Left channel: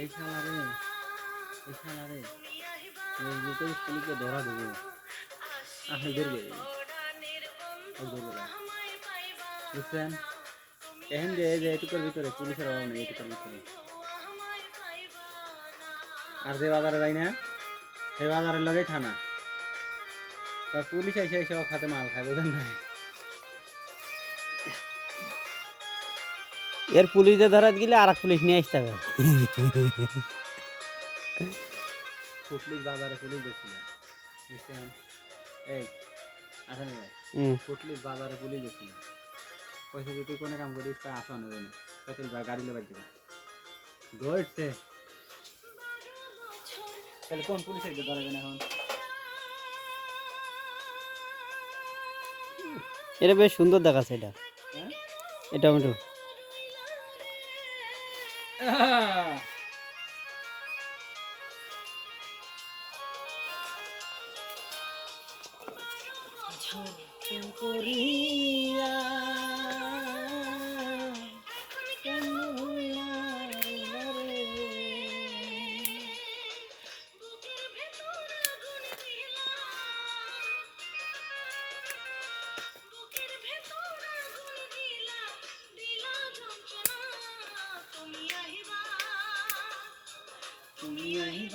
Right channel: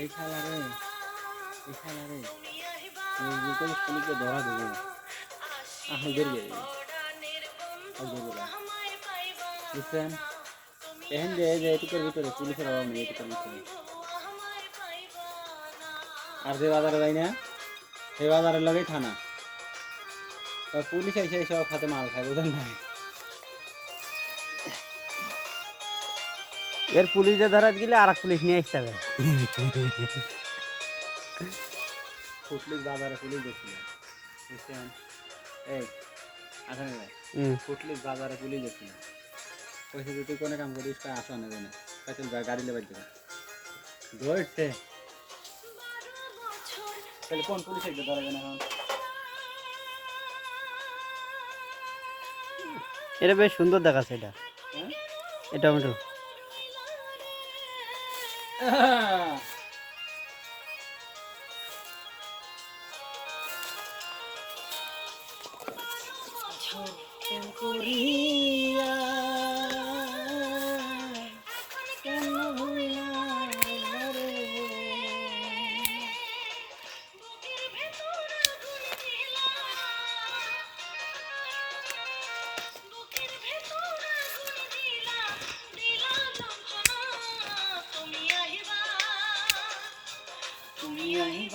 এই শালা রে, এই শালা রে। পুলিশকে ধরা দেবো। আপনি বেরিয়ে দেবে। বুঝছেন? এহেন যে যে এটুকুর ভিতরে, পুলিশের অভাব নেই এটুকুর ভিতরে। আর যে বাজারে যাই না, সেই বাজারের লগেই থানা। পুলিশ এসে সব হাতে মাল খায়, বুঝেন না এর পুলিশে ধরা গেলে আর এক পুলিশ নিয়ে আসতে হবে। বাজারে পুলিশ দেখছিল বুঝছেন এই ভাই। বাজারে পুলিশ দেখছিল পয়সা যদি কোনো কাম করিস তা আসো না জানে ভাই গাড়ি লেবার দেবে ধরছে। তাহলে কোন পুলিশ একটু ধরা যায় না এখন? এটা বেশ সুন্দর দেখাচ্ছে এটা। হ্যাঁ? এটা টমেটো প্রেম করি Tuổi